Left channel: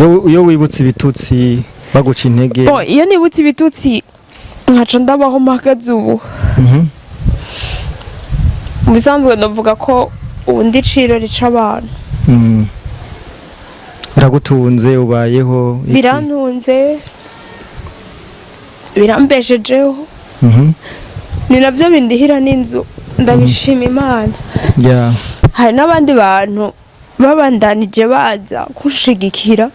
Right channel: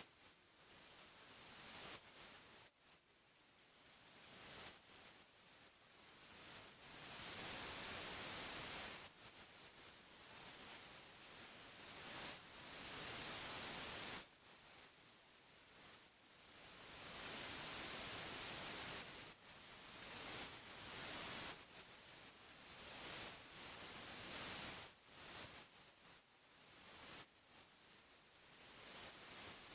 Yo wibutse ibitutsi baguca intege. Bon, iyo nibutse ibitutsi nkaca ndabaho mpagaze ubu. Mu bisanzwe ndavuga ko ubu ndi ciro rica abantu. Biragutunze ubayeho iki? Birantunze. Birambeshejeho. Ni navyo bindihira n'inzu ndabishima Imana. Yeah. Hari n'abandi bantu babandanije baza kushigikira.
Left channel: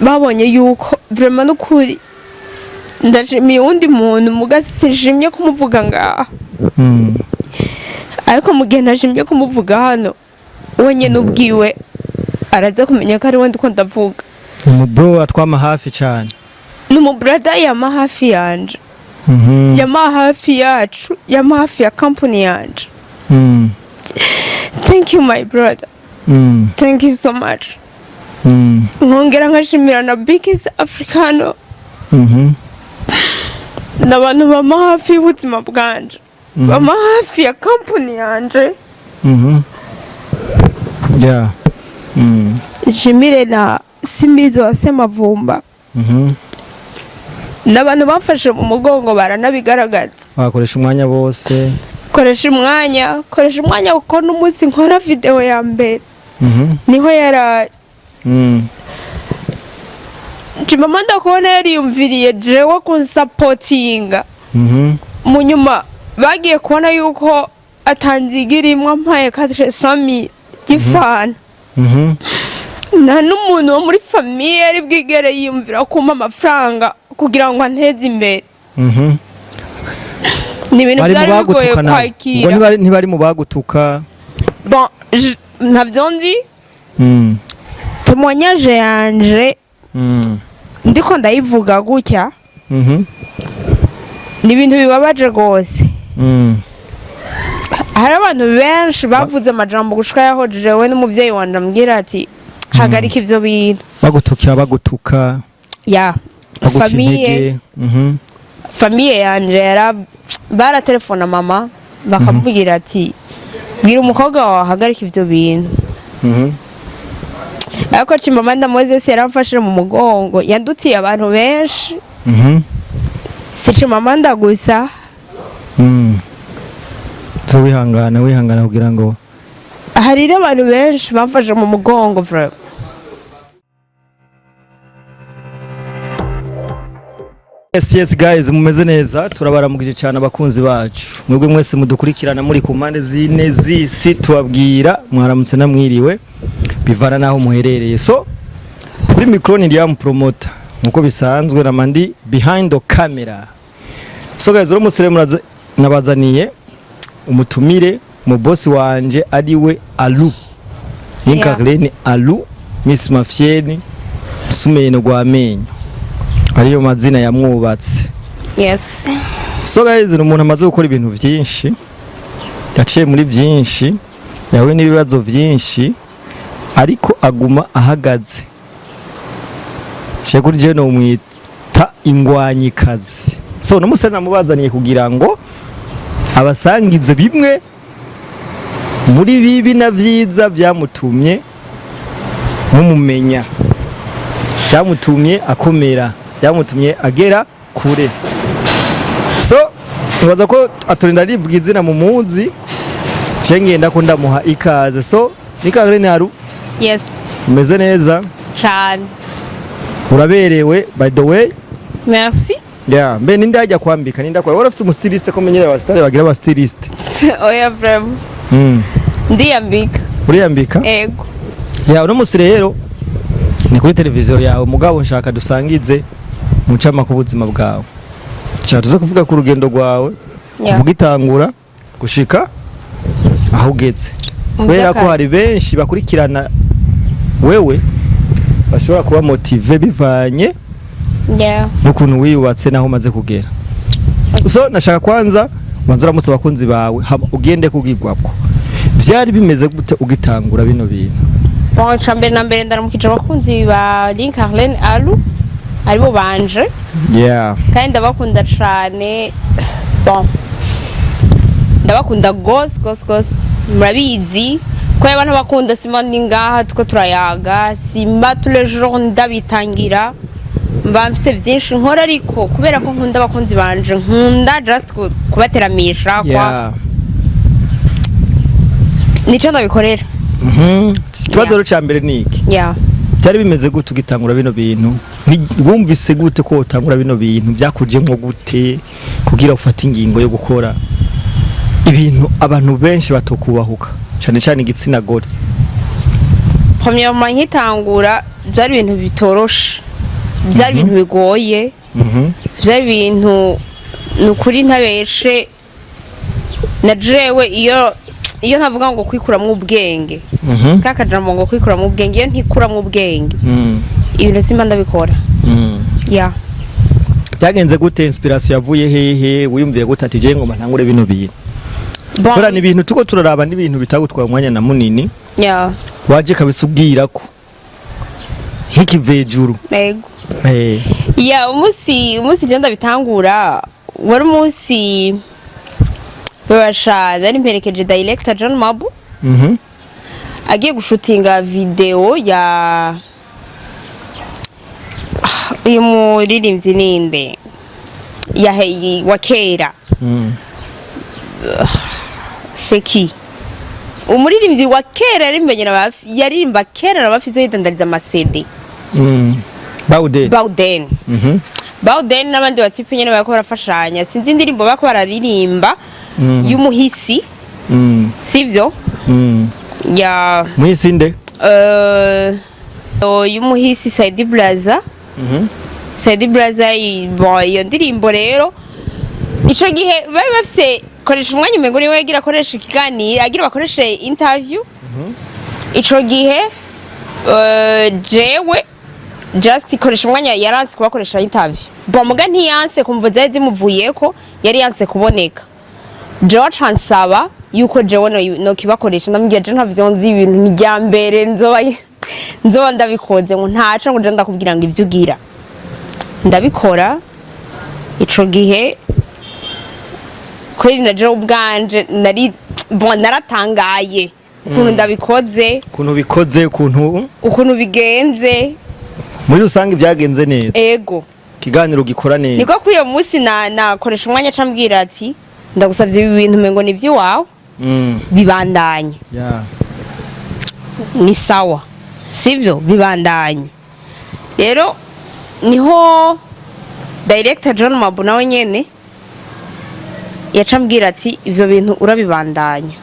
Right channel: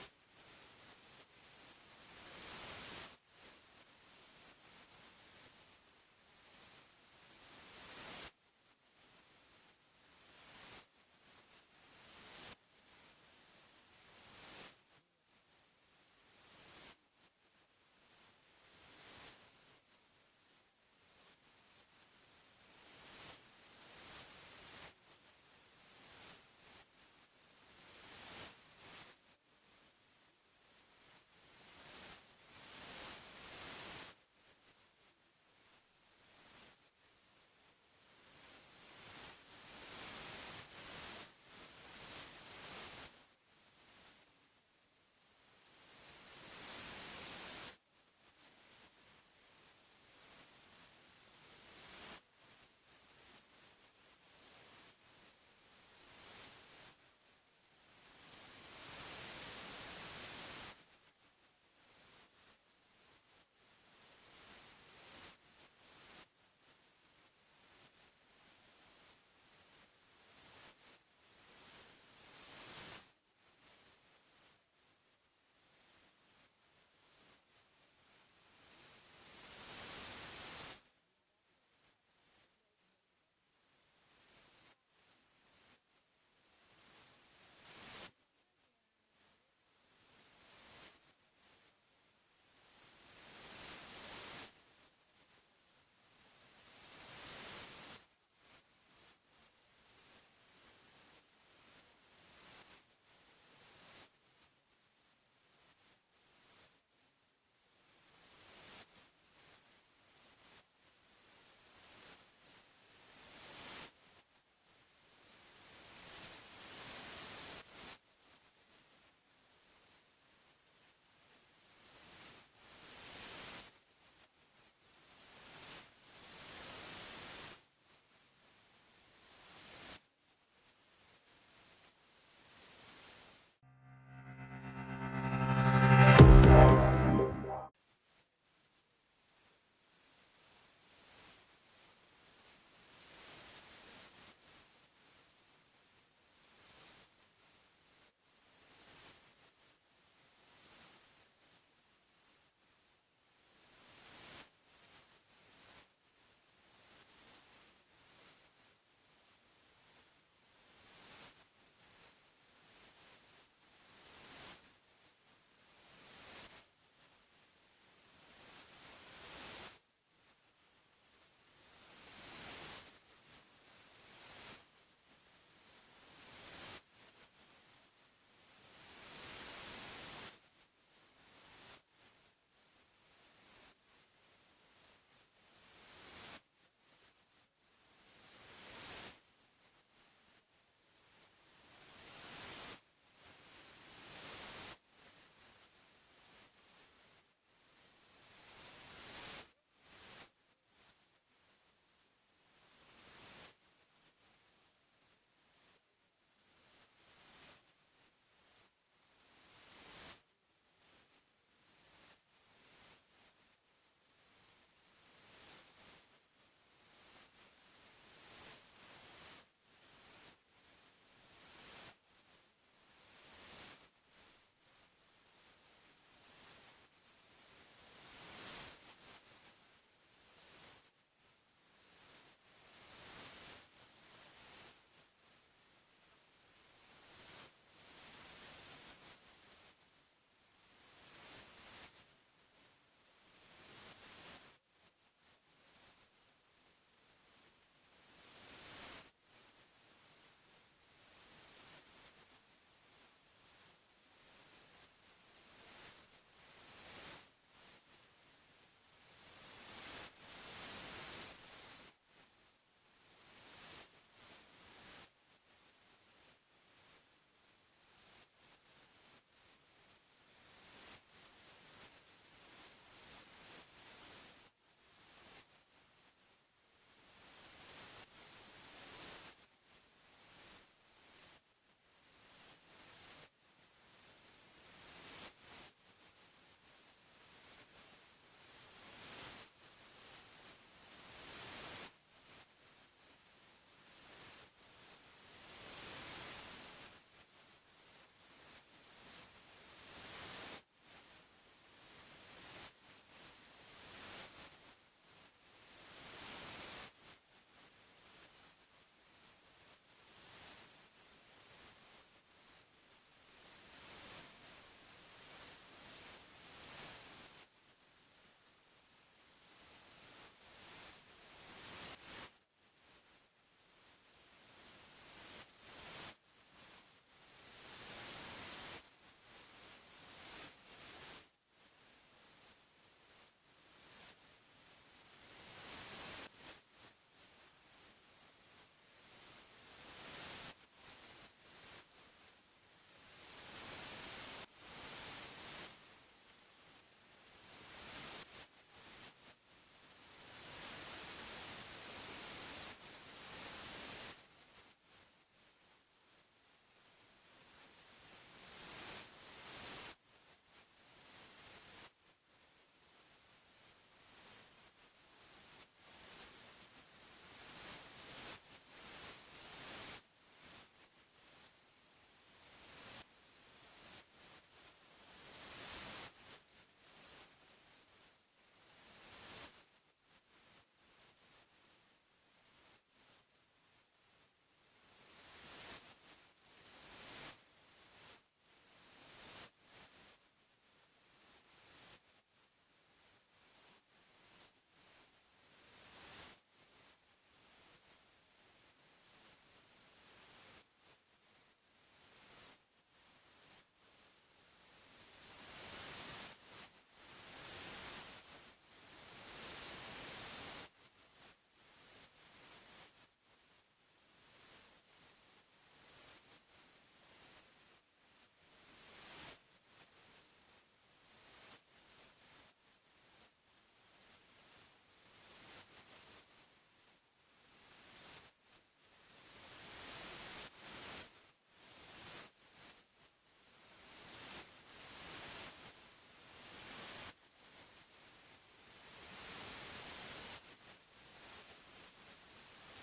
Babonye yuko vraiment n'ukuri ndashimiye undi muntu mugasishimye kumuvuga ngaha. Ariko mu gihe nashimye kumuvuga hano wenyine ubwiwe araza kumenya ko ari we ndiko ndavuga. Bro atwama hafi cyane. Numu brother yama hafi yanje. Yama hafi yacu, yama hafi ya company yanje. Thank you my brother. Thank you so much. Nkongera nkashimira na Biggest Africano. N'abantu bama hafi y'ubuzima bwanje. Bama hafi ya company yanje. Yeah. Jimire na Simbizo wa Semavumba. N'abantu bamfashe mu mugongo baranabigaragaza. Bakoresha umwanya bose. Koresha umwanya kuko n'umunsi nkora video ya mbere. Niho yara Chimama ndakubona yariyumviriye jewe kunsupportinga. Mu nyuma bagiye kubona yuko atanzigira imwe mpaye kashe sami gifana. Na n'umuntu wo muri famille ari bwigere yiyumvira kumpa amafaranga kugira ngo anteze imbere. Ni ibintu byari bigoye kwakira. Ngo ntibari mu bagutuka. Bon, ntabyo nzi. Témoignage yanje ndiko ndayivuga gutya. Ni ibintu bibabaje gose. Hari abantu benshi bavuze amajambo gushika yaho jewe n'umuvyeyi wanje ambwira ati hagarika ivyo bintu. Bagutuka. Ya. Famille yanje bara telefona mama bakamubwira ati bwira umukobwa wawe hagarika ivyo bintu. Ariko Chimama Moses yaramfashije mu mugongo yandutiye abantu benshi. Si Chimama gusa. So wihangana kugira ngo hari abantu benshi bamfashe mu mugongo bro. Yes guys, mumeze neza turabaramugije cyane abakunzi bacu. Mwebwe mwese mudukurikirana muri ku mpande zine z'isi tubabwira mwaramutse namwiriwe bivana naho muherereye. So kuri micro ni Liam promoter nkuko bisanzwe na mandi behind the camera. So guys, uro musire nabazaniye umutumire mu boss wanje ariwe Alu. Inkarlene Alu, Miss Mafieni, Sumeno Gwamenyo. Ariyo mazina yamwubatse. Yes. So guys, umuntu amaze gukora ibintu byinshi. Yaciye muri byinshi, yawe n'ibibazo byinshi, ariko aguma ahagaze. Kuri je no mwita ingwanyikazi. So n'umusore namubazaniye kugira ngo abasangize bimwe muri bibi na byiza byamutumye mumumenya. Byamutumye akomera. Byamutumye agera kure. So nibaza ko atorinda rivuga izina mu munsi cengenda ko ndamuha ikaze. So nikagere naru. Yes. Umeze neza cyane. Uraberewe by the way. Merci. Yeah, mbe ninde ajya kwambika ninde akora warafite umustiliste ko menyere abastare bagira abastiliste. Oya vraiment. Ndiyambika. Uriyambika? Ego. Ya uno musire rero ni kuri televiziyo yawe mugabo nshaka dusangize mucama ku buzima bwawe. Cyatuze kuvuga ku rugendo rwawe. Kuvuga itangura gushika aho ugeze. Kubera ko hari benshi bakurikirana wewe bashobora kuba motive bivanye n'ukuntu wiyubatse naho umaze kugera. So nashaka kwanza wanzura musa bakunzi bawe ugende kugigwako. Vyari bimeze gute ugitangura bino bintu? Bon, chambe na mbere ndaramukije abakunzi ba Inkarlene Alu aribo banje. Yeah. Kandi ndabakunda cyane. Bon. Ndabakunda gose. Murabizi kwa abantu bakunda simba ndi ngaha tuko turayaga simba tous les jours ndabitangira mba mfise byinshi nkora ariko kubera ko nkunda abakunzi banje nkunda just kubateramisha kwa nico ndabikorera ikibazo rero cya mbere ni iki cyari bimeze gute ugitangura bino bintu wumvise gute ko utangura bino bintu byakujemo gute kugira ufate ingingo yo gukora ibintu abantu benshi batokubahuka cyane cyane igitsina gore? Premièrement nkitangura byari ibintu bitoroshe, byari ibintu bigoye, byari ibintu nukuri ntabeshe na jewe iyo ntavuga ngo kwikuramwo ubwenge kakajambo ngo kwikuramwo ubwenge iyo ntikuramwo ubwenge ibintu simba ndabikora. Byagenze gute? Inspiration yavuye hehe? Wiyumvire gute ati je ngoma ntangure bino bintu? Kora ni ibintu tuko turaraba ni ibintu bitagutwara umwanya na munini. Waje kabisa ubwira ko nk'ikivejuru. Yego. Umusi genda bitangura wari umusi babasha nari mperekeje director John Mabu. Agiye gushutinga video ya uyu muririmbyi ninde ya wa kera. Seki umuririmbyi wa kera yaririmba kera n'abafise yidandariza amasede. Bauden n'abandi batipe nyene bako barafashanya sinzi indirimbo bako bararirimba y'umuhisi sivyo ya muhisi nde y'umuhisi Saidi Blaza. Saidi Blaza iyo ndirimbo rero ico gihe bari bafise koresha umwanya umengo niwe yagira koresha ikiganiro agira bakoreshe interview. Ico gihe jewe just koresha umwanya yaranse kubakoresha interview muga ntiyanse kumva zari zimuvuyeko yari yanse kuboneka. Jewe chansaba yuko jewe no kibakoresha ndambye je ntavyo nzi ibintu nijyambere nzoba ndabikoze ngo ntaco ngo ndakubwira ngo ivyo ugira ndabikora. Ico gihe kweri na jewe ubwanje naratangaye ukuntu ndabikoze, ukuntu bigenze. Muri rusange byagenze neza. Ego. Kiganiro gikora neza. Niko kuri uyo munsi nakoresha umwanya cambwira ati ndagusavye ibi bintu mengo ni vy'iwawe. Bibandanye. Ni sawa. Sivyo bibandanye. Rero niho director John Mabu nawe nyene yacambwira ati ivyo bintu urabibandanya.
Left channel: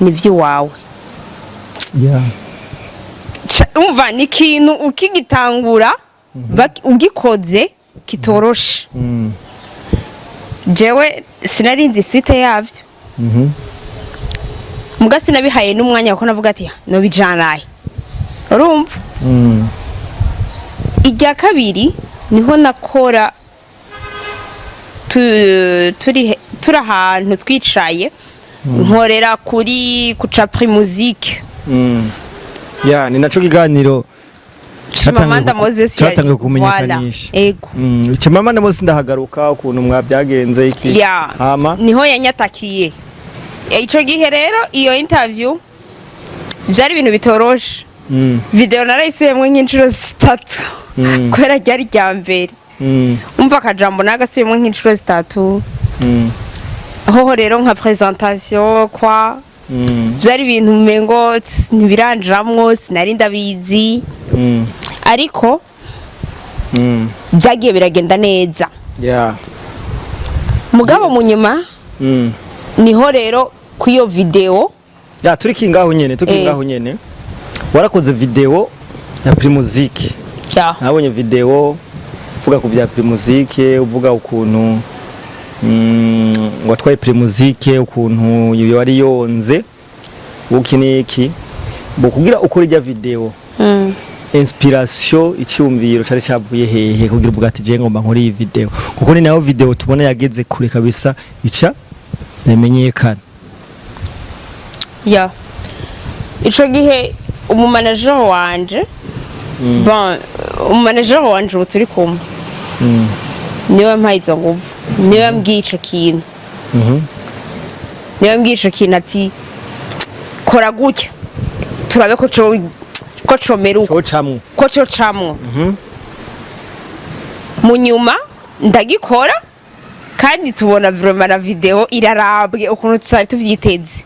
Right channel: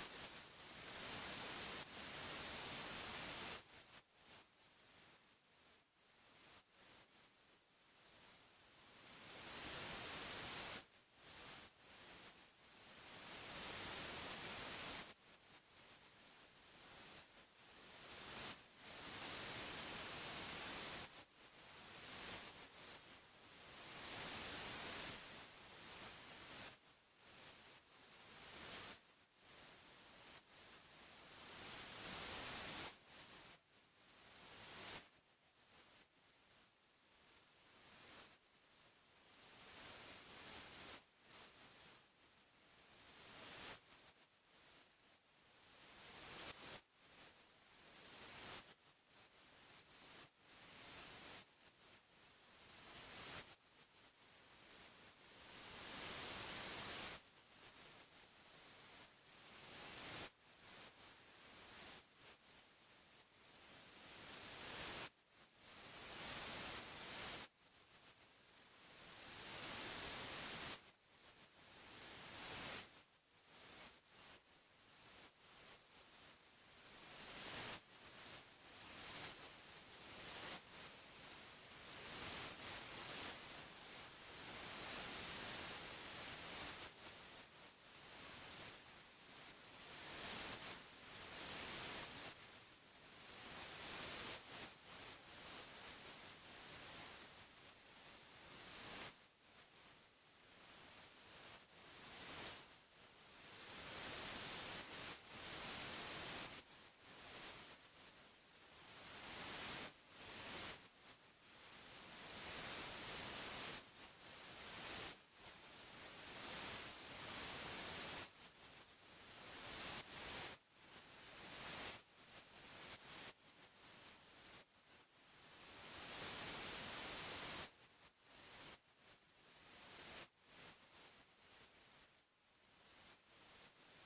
Ni vy'iwawe. Umva ni kintu ukigitangura ugikoze kitoroshe. Jewe sinarinzi suite yavyo. Muga sinabihaye n'umwanya ko navuga ati no bijanaye. Urumva? Ijya kabiri niho nakora turi ahantu twicaye nkorera kuri Kucapri Musique. Ni naco kiganiro Chimamanda Moses cyatangiye kumenyekanisha. Ego. Chimamanda Moses ndahagaruka ukuntu mwabyagenze iki. Hama niho yanyatakiye. Ico gihe rero iyo interview byari ibintu bitoroshe. Video narayisubiyemwe nk'inshuro 3 kwera ryari ryambere. Umva akajambo nagasubiyemwe nk'inshuro 3. Aho rero nka presentation kwa byari ibintu mengo ntibiranjamwo sinari ndabizi ariko byagiye biragenda neza. Mugabo mu nyuma niho rero kuyo video turi kingaho nyene warakoze video ya Primusique. Nabonye video uvuga ku bya Primusique uvuga ukuntu watwaye Primusique ukuntu yari yonze ukiniki kugira ukora ijya video. Inspiration icyumviro cyari cyavuye hehe kugira uvuga ati je ngomba nkora iyi video kuko ni nayo video tubona yageze kure kabisa ica remenyekana. Ico gihe umumanager wanje umumanager wanje turi kumwe niwe mpaye izo nguvu niwe mbwiye ico kintu niwe mbwiye ico kintu ati kora gutya turabe ko comeruka cocamwo ko cocamwo mu nyuma ndagikora kandi tubona vraiment na video irarabwe ukuntu tutari tuvyiteze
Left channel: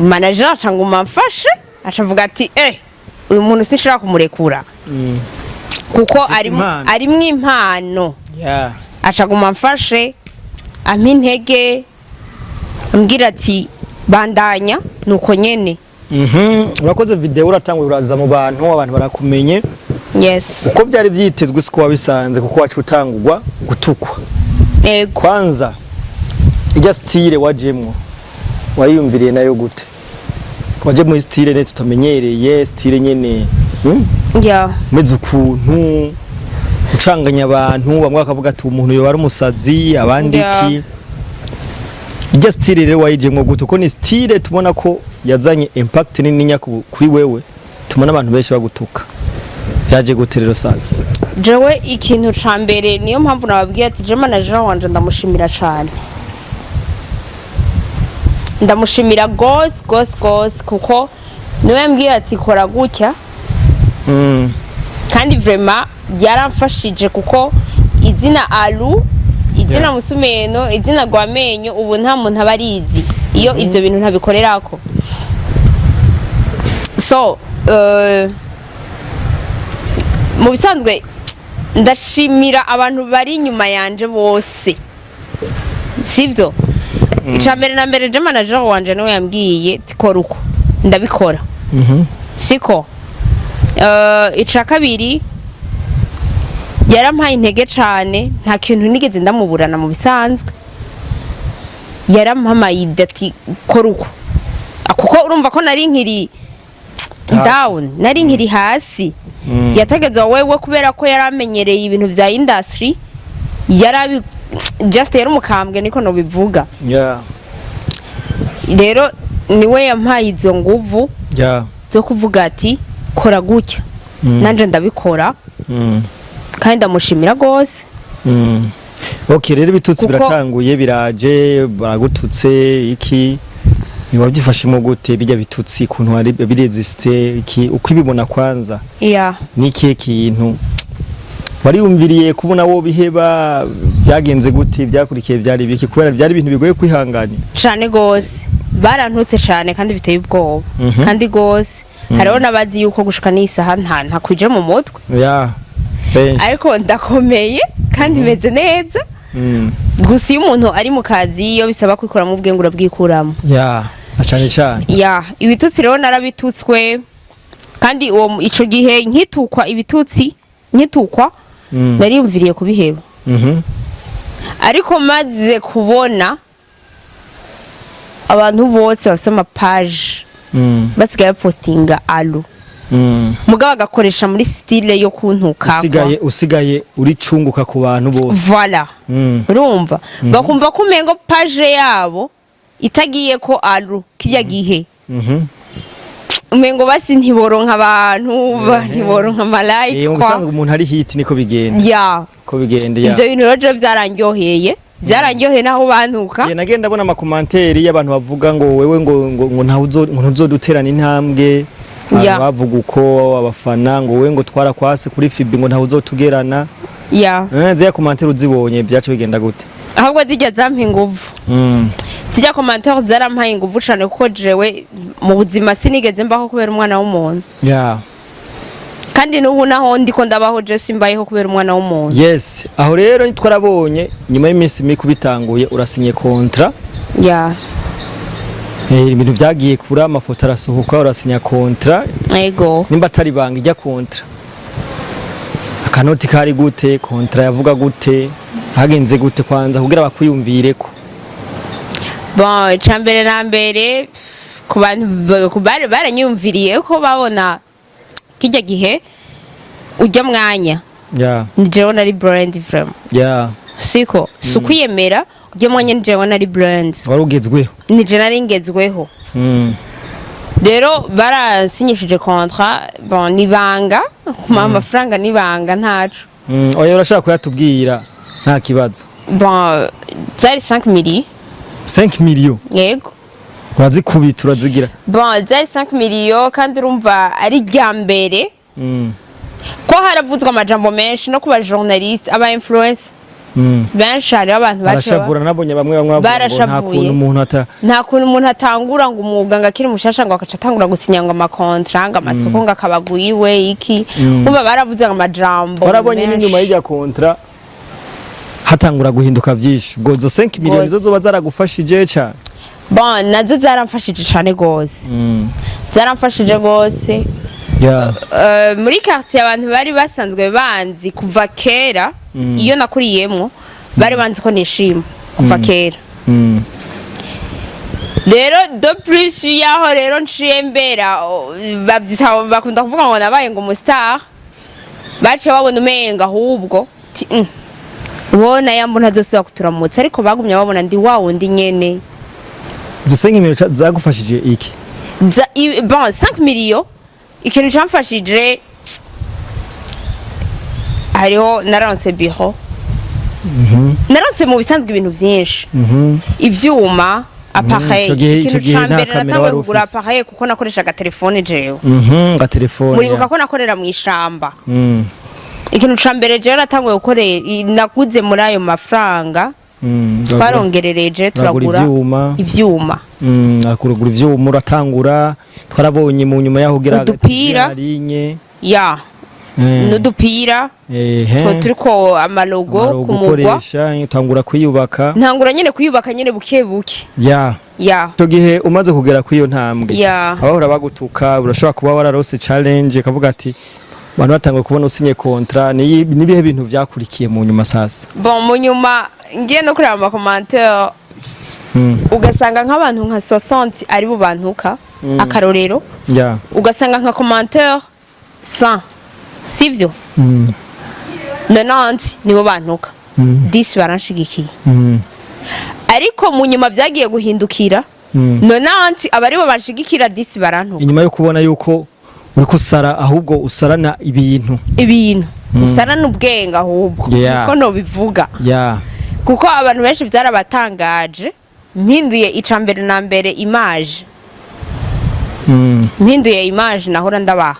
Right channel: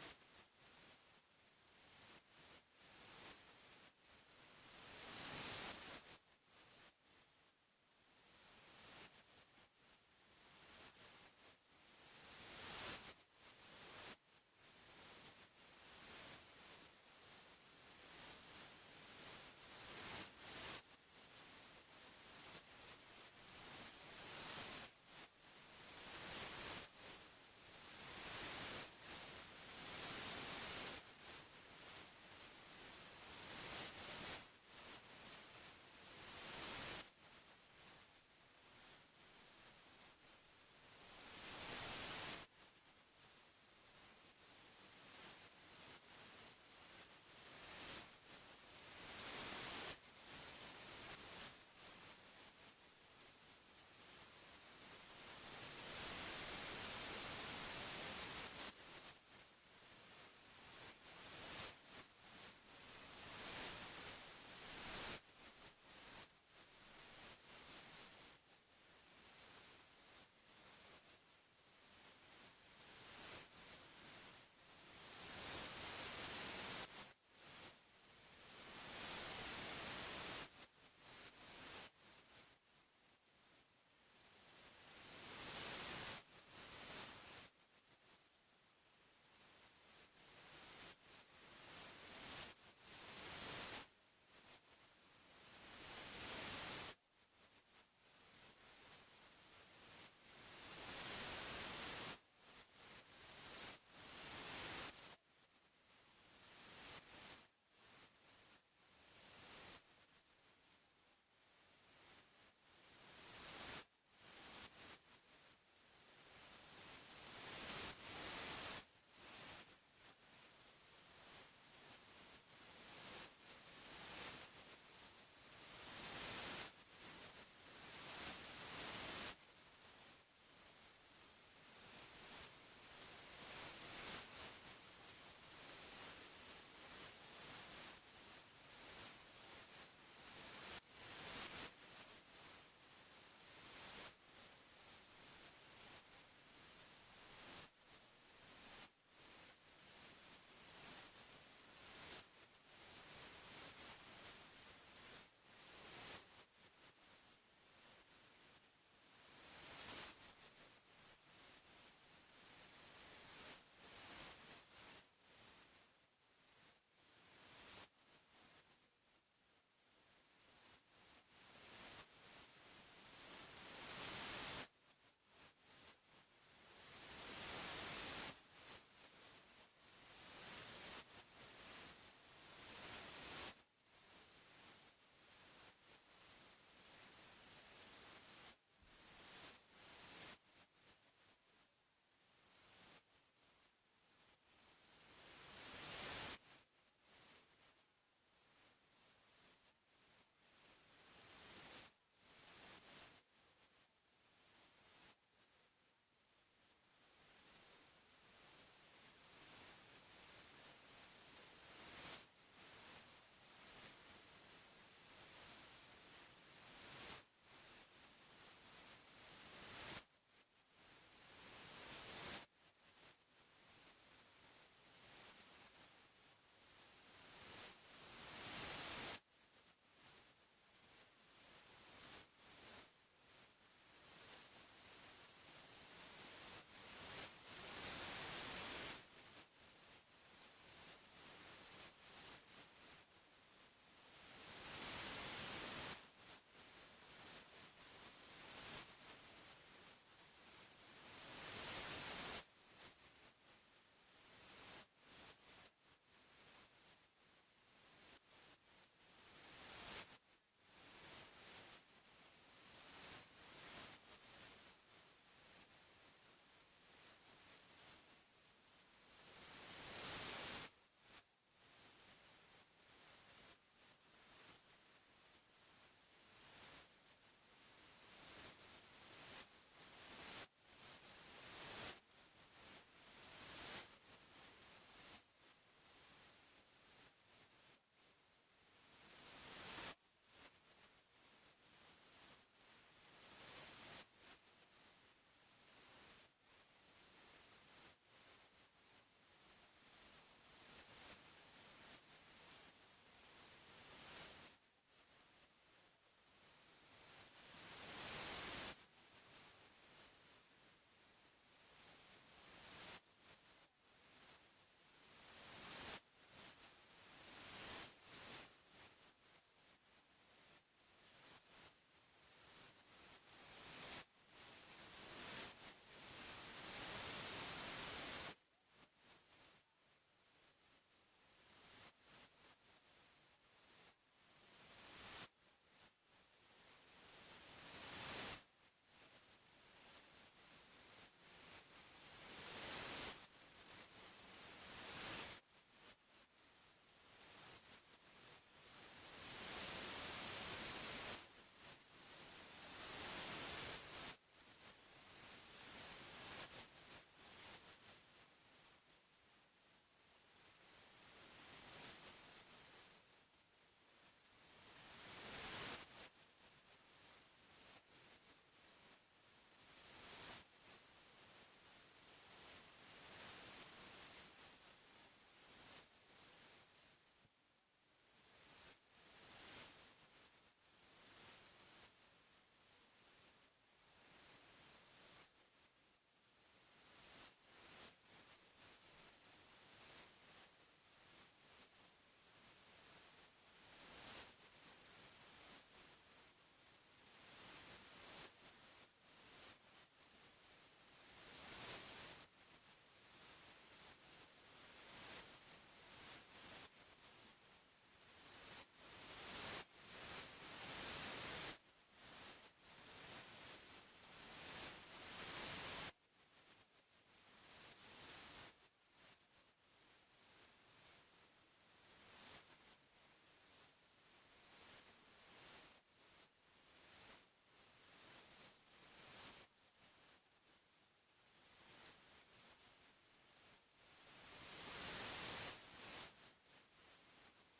manager acanguma mfashe acavuga ati uyu muntu sinshaka kumurekura kuko arimwo impano acaguma mfashe ampa intege ambwira ati bandanya nuko nyene urakoze video uratangwe uraza mu bantu abantu barakumenye yes uko byari byitezwe siko wabisanze kuko wacu utangurwa gutukwa kwanza ijya style wajemwo wayumviriye nayo gute waje mu style ne tutamenyereye style nyene meze ukuntu ucanganya abantu bamwe bakavuga ati umuntu yo bari umusazi abandi iki ijya style rero wayijemwo gute uko ni style tubona ko yazanye impact nini nya kuri wewe tubona abantu benshi bagutuka byaje gute rero sasa jewe ikintu ca mbere niyo mpamvu nababwiye ati je manager wanje ndamushimira cyane ndamushimira gose kuko niwe yambwiye ati kora gutya kandi vraiment yaramfashije kuko izina Alu izina Musumeno izina Gwamenyo ubu nta muntu abarizi iyo ivyo bintu ntabikorerako so mu bisanzwe ndashimira abantu bari inyuma yanje bose sivyo icambere na mbere je manager wanje niwe yambwiye tikora uko ndabikora siko ica kabiri yarampaye intege cane nta kintu nigeze ndamuburana mu bisanzwe yarampamaye ati kora uko kuko urumva ko nari nkiri down nari nkiri hasi yategeza wewe kubera ko yaramenyereye ibintu vya industry yarabi just yari umukambwe niko no bivuga rero niwe yampaye izo nguvu zo kuvuga ati kora gutya nanje ndabikora kandi ndamushimira gose okay rero bitutsi biratanguye biraje baragututse iki niwabyifashemo gute bijya bitutsi kuntu ari biresiste iki uko ibibona kwanza niki kintu wari umviriye kubona wo biheba byagenze gute byakurikiye byari biki kubera byari ibintu bigoye kwihangana cyane gose barantutse cyane kandi biteye ubwoba kandi gose hariho nabazi yuko gushika n'isaha nta kwije mu mutwe ariko ndakomeye kandi meze neza gusa iyo umuntu ari mu kazi iyo bisaba kwikora mu bwenge urabwikuramo cyane ibitutsi rero narabitutswe kandi uwo ico gihe nkitukwa ibitutsi nariyumviriye kubiheba ariko maze kubona abantu bose bafite amapaje basigaye postinga Alu mugabo agakoresha muri style yo kuntuka usigaye uri cunguka ku bantu bose voilà urumva bakumva ko umengo page yabo itagiye ko Alu kijya gihe umengo basi ntiboronka abantu ntiboronka malike ubusanzwe umuntu ari hit niko bigenda ko bigenda ivyo bintu rero byaranyoheye naho bantuka nagenda abona amakomanteri y'abantu bavuga ngo wewe ngo ntaho uzoduterana intambwe bavuga uko abafana ngo wewe ngo twara kwase kuri Fibi ngo ntaho uzotugerana zya komanteri uzibonye byacu bigenda gute ahubwo zijya zampa inguvu zijya komanteri zarampaye inguvu cyane kuko jewe mu buzima sinigeze mbaho kubera umwana w'umuntu kandi n'ubu naho ndiko ndabaho je simbayeho kubera umwana w'umuntu yes aho rero twarabonye nyuma y'iminsi mike bitanguye urasinye kontra ibintu byagiye kura amafoto arasohoka urasinya kontra yego nimba atari banga ijya kontra akanoti kari gute kontra yavuga gute hagenze gute kwanza kugira bakwiyumvire ko bon cambere na mbere ku bantu baranyumviriye ko babona kijya gihe ujya mwanya ni jewe nari brand vraiment siko sukwiyemera ujya mwanya ni jewe nari brand warugezweho ni je nari ngezweho rero barasinyishije contrat bon nibanga kuma amafaranga nibanga ntacu oya urashaka kuyatubwira nta kibazo bon zari 5 millions yego urazikubita urazigira bon zari 5 millions kandi urumva ari rya mbere ko haravuzwe amajambo menshi no kuba journaliste aba influence benshi hari abantu barashavura nabonye bamwe nta kuntu umuntu atangura ngo umwuga ngo akiri mushasha ngo akaca atangura gusinya ngo amakontra ngo amasoko ngo akabaguyiwe iki umva baravuze ngo amajambo barabonye n'inyuma y'ijya kontra hatangura guhinduka byinshi ubwo zo 5 miliyoni zo zoba zaragufashije cyane bon nazo zaramfashije cyane gose zaramfashije gose muri quartier abantu bari basanzwe banzi kuva kera iyo nakuriyemo bari banzi ko nishima kuva kera rero de plus yaho rero nciye mbera babyita bakunda kuvuga ngo nabaye ngo umustar bace babona umenga ahubwo ubona yambo ntazosubira kuturamutsa ariko bagumye babona ndi wa wundi nyene zo 5 miliyoni zagufashije iki bon 5 millions ikintu cyamfashije hariho naronse biro naronse mu bisanzwe ibintu byinshi ivyuma appareil ikintu cyambere natangwe kugura appareil kuko nakoreshaga telefone jewe ga telefone muribuka ko nakorera mu ishamba ikintu cyambere jewe natangwe gukorera naguze muri ayo mafaranga twarongerereje turagura ivyuma akurugura ivyuma uratangura twarabonye mu nyuma yaho gira linye ya n'udupira turiko amalogo kumugwa tangura kuyubaka ntangura nyene kuyubaka nyene buke buke ya cyo gihe umaze kugera kwiyo ntambwe abahora bagutuka urashobora kuba wararose challenge kavuga ati abantu batangwe kubona usinye kontra nibihe bintu vyakurikiye mu nyuma sasa bon mu nyuma ngiye no kureba ama commentaire ugasanga nk'abantu nka 60 ari bo bantuka akarorero ugasanga nka commentaire 100 sivyo 90 nibo bantuka 10 baranshigikiye ariko mu nyuma byagiye guhindukira 90 abari bo banshigikira 10 barantuka inyuma yo kubona yuko uri kusara ahubwo usarana ibintu usarana ubwenga ahubwo ko no bivuga kuko abantu benshi byarabatangaje mpinduye icambere na mbere image mpinduye image nahora ndabaha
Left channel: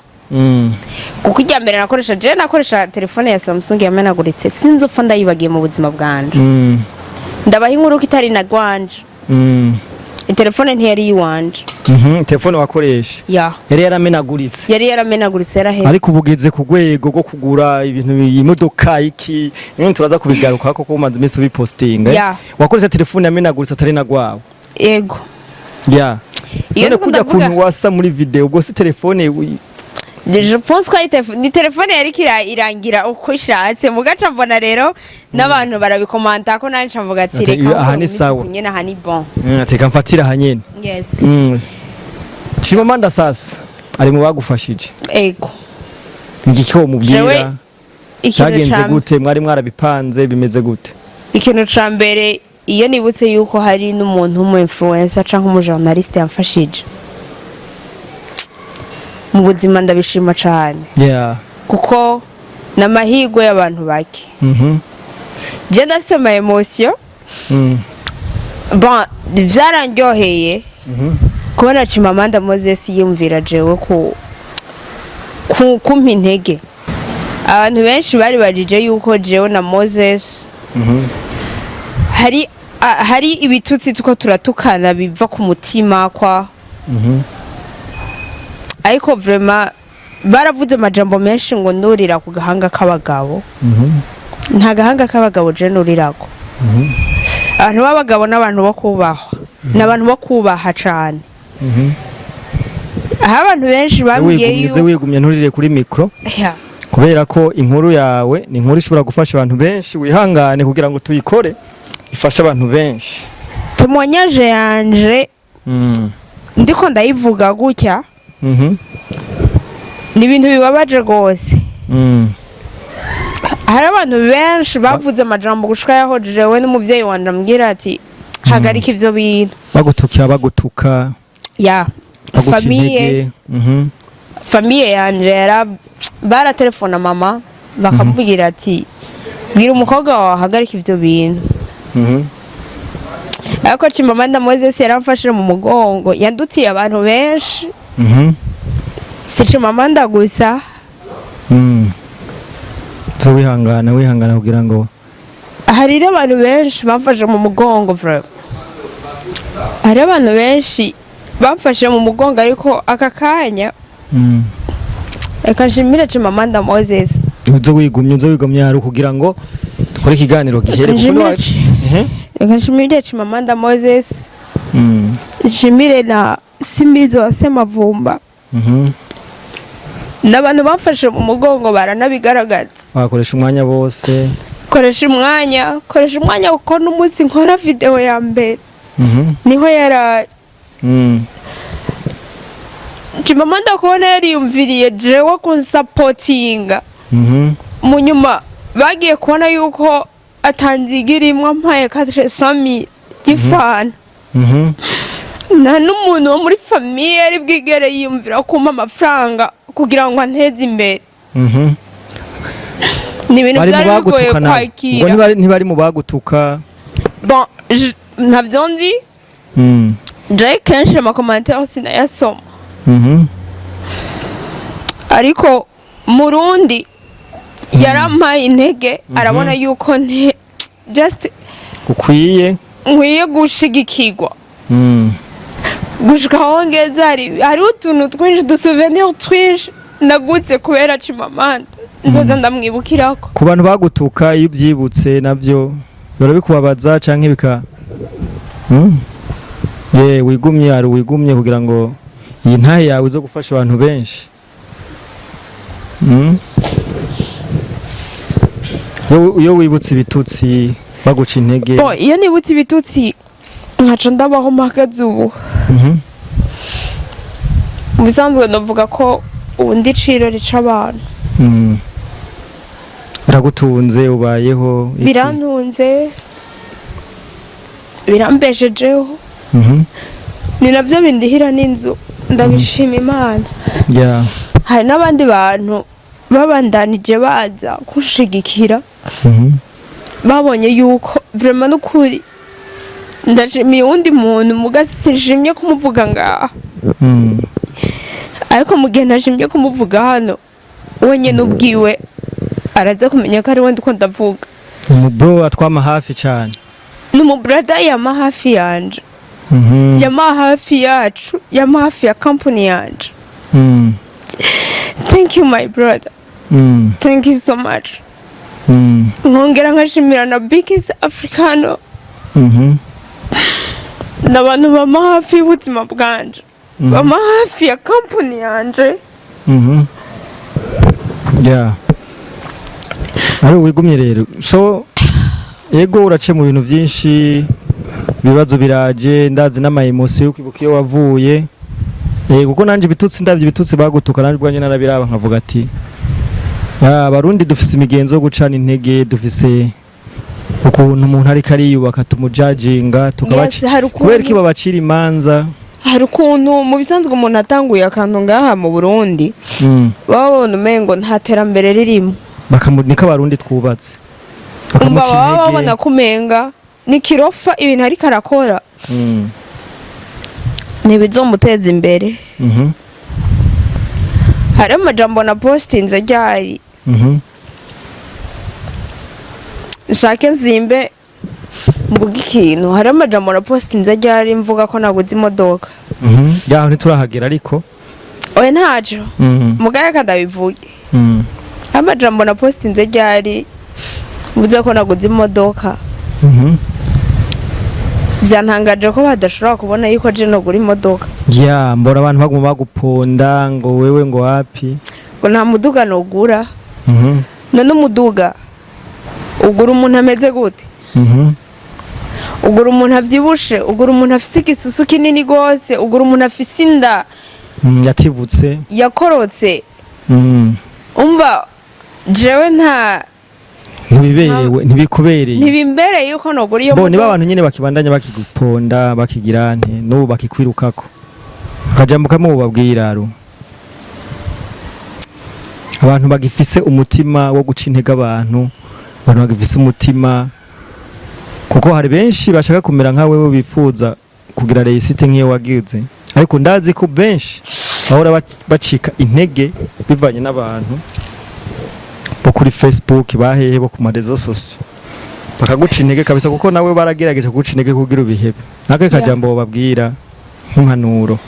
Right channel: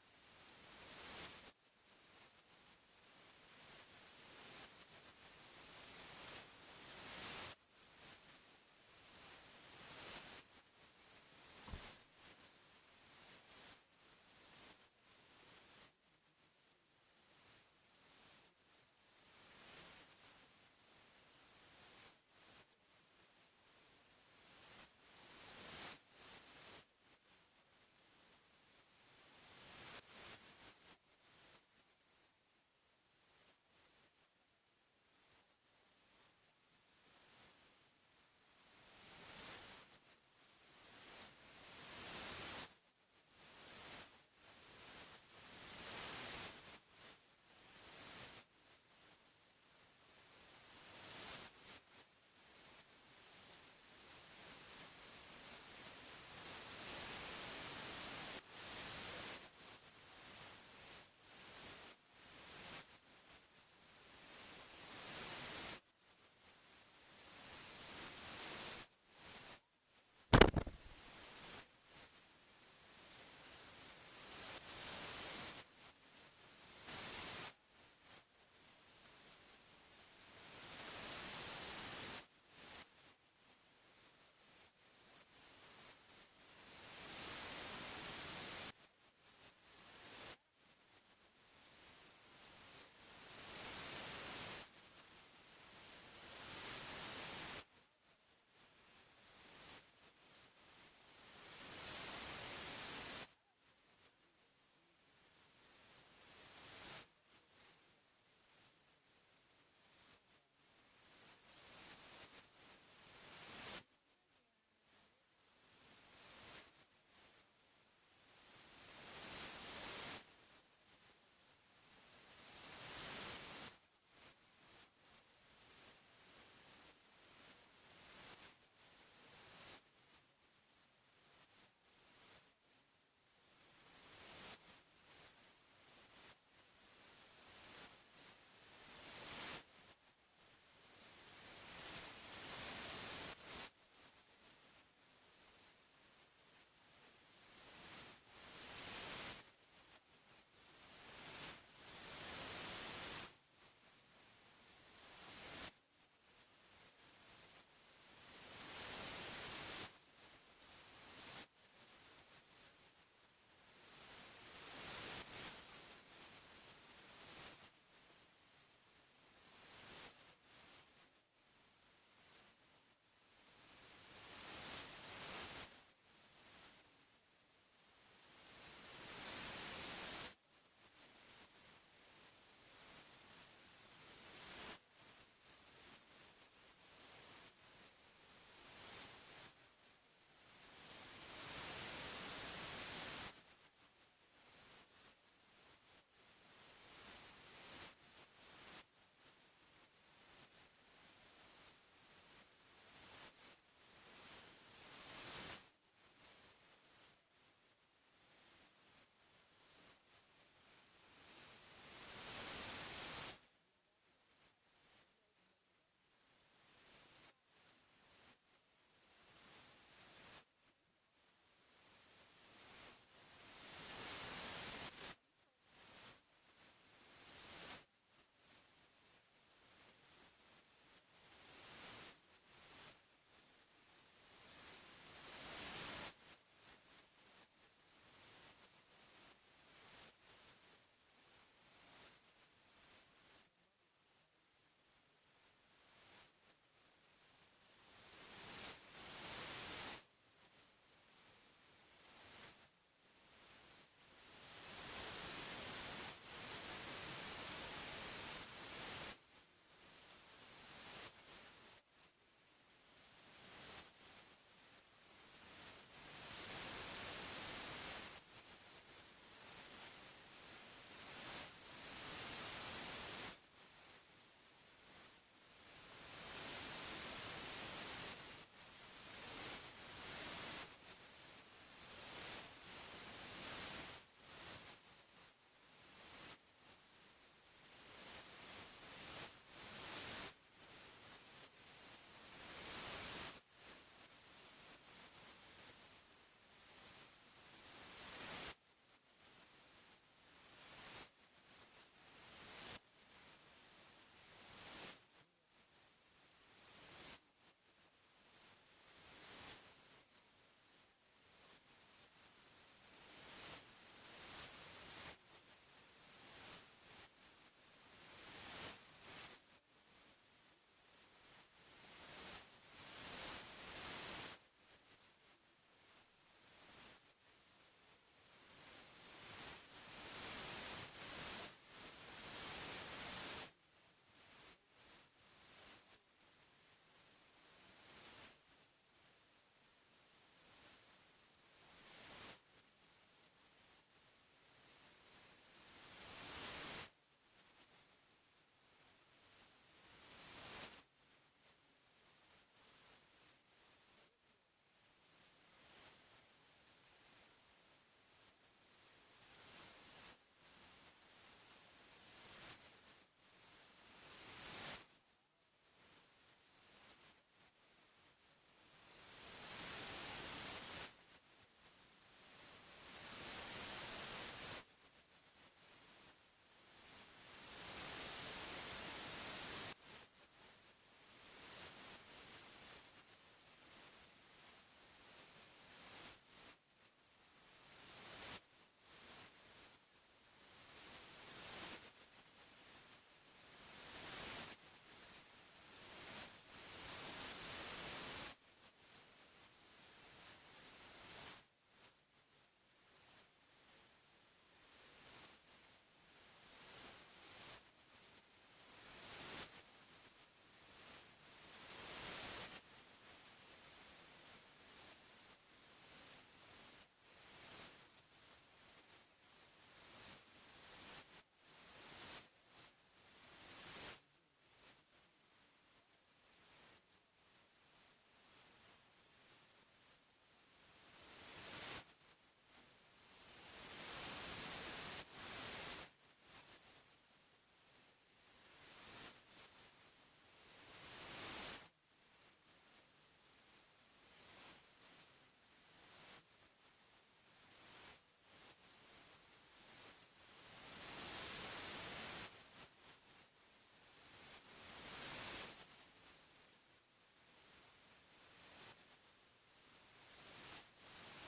kuko ijya mbere nakoresha telefone ya Samsung yamenaguritse sinzi upfa ndayibagiye mu buzima bwanje ndabaha inkuru ko itari na gwanje telefone ntiyari yiwanje telefone wakoresha yari yaramenaguritse yaraheze ariko ubugeze ku rwego rwo kugura ibintu imodoka iki none turaza kubigaruka kuko umaze iminsi ubipostinga wakoresha telefone yamenaguritse atari na gwawe yego none kujya kuntu wasa muri video ubwo si telefone je pense ko ni telefone yari irangira uko ishatse mugaca mbona rero n'abantu barabikomanta ko nanje mvuga ati reka aha ni sawa nyene aha ni bon ateka mfatira hanyene Chimamanda sasa ari mu bagufashije ego ngiki ko mubwira cyagenze gute mwari mwarabipanze bimeze gute ikintu ca mbere iyo nibutse yuko hari n'umuntu umu influencer canke umu journaliste yamfashije mu buzima ndabishima cyane kuko namahirwe y'abantu bake je ndafise ama emotion bon byarandyoheye kubona Chimamanda Moses yumvira jewe kumpa intege abantu benshi bari bajije yuko jewe na Moses hari ibitutsi tuko turatukana biva ku mutima kwa ariko vraiment baravuze amajambo menshi ngo nurira ku gahanga k'abagabo nta gahanga k'abagabo je nurirako abantu b'abagabo n'abantu bo kubahwa n'abantu bo kubaha cyane aho abantu benshi babwiye yuko wigumye nturire kuri micro kubera ko inkuru yawe ni inkuru ishobora gufasha abantu benshi wihangane kugira ngo tuyikore ifasha abantu benshi tumwanyaje yanje ndiko ndayivuga gutya ni ibintu bibabaje rwose hari abantu benshi bavuze amajambo gushika yaho jewe n'umuvyeyi wanje ambwira ati hagarika ivyo bintu bagutuka famiye yanje baratelefona mama bakamubwira ati bwira umukobwa wawe hagarika ivyo bintu ariko Chimamanda Moses yaramfashije mu mugongo yandutiye abantu benshi si Chimamanda gusa zo wihangana kugira ngo hari abantu benshi bamfashe mu mugongo bro hari abantu benshi bamfashe mu mugongo ariko aka kanya reka nshimire Chimamanda Moses uzo wigumye hari kugira ngo dukore ikiganiro gihere reka nshimire Chimamanda Moses nshimire na Simizo wa Semavumba n'abantu bamfashe mu mugongo baranabigaragaza bakoresha umwanya bose koresha umwanya kuko n'umunsi nkora video ya mbere niho yara Chimamanda kubona yariyumviriye jewe kunsapotinga mu nyuma bagiye kubona yuko atanzigirimwa mpaye 400,000 gifana nta n'umuntu wo muri famiye yari bwigere yiyumvira kumpa amafaranga kugira ngo anteze imbere ni ibintu byari bigoye kwakira ngo ntibari mu bagutuka bon ntabyo nzi Jay kenshi amakomantere sinayasoma ariko Murundi yarampaye intege arabona yuko just nkwiye gushigikirwa gushika aho ngeze hari utuntu twinshi dusouvenir twinshi nagutse kubera Chimamanda ndoza ndamwibukirako ku bantu bagutuka iyo ubyibutse navyo birabikubabaza canke bika wigumye kugira ngo iyi ntahe yawe zo gufasha abantu benshi iyo wibutse ibitutsi baguca intege iyo nibutse ibitutsi nkaca ndabaho mpagaze ubu mu bisanzwe ndavuga ko ubu ndi ciro rica abantu biragutunze ubayeho birantunze birambeshejeho ni nabyo bindihira n'inzu ndabishima Imana hari n'abandi bantu babandanije baza kunshigikira babonye yuko vraiment n'ukuri ndashimiye undi muntu mugasishimye kumuvuga ngaha ariko mu gihe nashimye kumuvuga hano wenyine ubwiwe araza kumenya ko ari we ndiko ndavuga umubro atwama hafi cyane n'umubrada yama hafi yanje yama hafi yacu yama hafi ya company yanje thank you my brother thank you so much nkongera nkashimira na Biggest Africano n'abantu bama hafi y'ubuzima bwanje bama hafi ya company yanje ari wigumye rero so yego urace mu bintu byinshi ibibazo biraje ndazi n'ama emotion yo kwibuka iyo wavuye kuko nanje bitutsi bagutuka nanje bwanje narabiraba nkavuga ati abarundi dufise imigenzo yo gucana intege dufise ukuntu umuntu ari kariyubaka tumujajinga tukabaci kubera ki babacira imanza hari ukuntu mu bisanzwe umuntu atanguye akantu ngaha mu Burundi babona umengo nta terambere ririmo bakamunika abarundi twubatse bakamuca intege babona kumenga ni kirofa ibintu ariko arakora ntibizomuteza imbere hari amajambo na postinze ryari nshake nzimbe mvuga ikintu hari amajambo na postinze ryari mvuga ko naguze imodoka yaho ntiturahagera ariko oya ntaco mugare kadabivuge amajambo na postinze ryari mvuze ko naguze imodoka byantangaje ko badashobora kubona yuko je no gura imodoka mbora abantu baguma baguponda ngo wewe ngo wapi ngo nta muduga no gura none umuduga ugura umuntu ameze gute ugura umuntu avyibushe ugura umuntu afise igisusu kinini gose ugura umuntu afise inda yatibutse yakorotse umva jewe nta ntibikubereye ntibimbereye yuko nogura iyo niba abantu nyene bakibandanya bakiguponda bakigira nte n'ubu bakikwirukako akajambuka mu babwiraro abantu bagifise umutima wo guca intege abantu bagifise umutima kuko hari benshi bashaka kumera nka wewe bifuza kugira reisite nk'iyo wagize, ariko ndazi ko benshi bahora bacika intege bivanye n'abantu bo kuri Facebook bahehe bo ku marezo sosio bakaguca intege kabisa, kuko nawe baragerageje kuguca intege kugira ubihebe. Nake kajambo babwira nk'impanuro.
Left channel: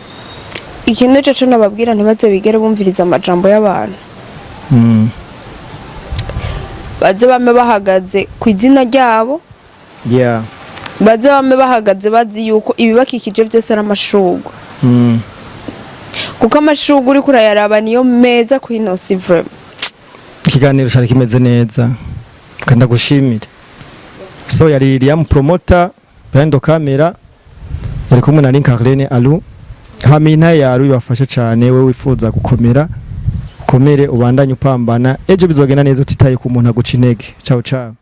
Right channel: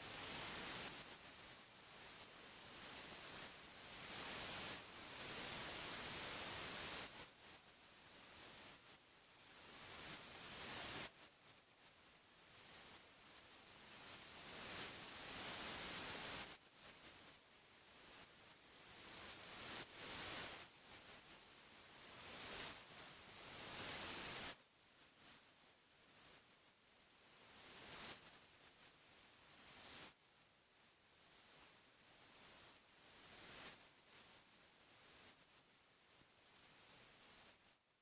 Ikintu cyo nababwira ntibaze bigere bumviriza amajambo y'abantu. Baze bame bahagaze ku izina ryabo. Yeah. Baze bame bahagaze bazi yuko ibibakikije byose ari amashurwe. Kuko amashurwe uri kurayaraba niyo meza ku inosi vraiment. Ikiganiro cyari kimeze neza kandi gushimira. So yari Liam promoter Brando Camera yari kumwe na Linkarlene Alu. Hamina yaru bibafasha cyane, we wifuza gukomera ukomere ubandanye upambana, ejo bizogenda neza utitaye ku muntu aguca intege. Ciao ciao.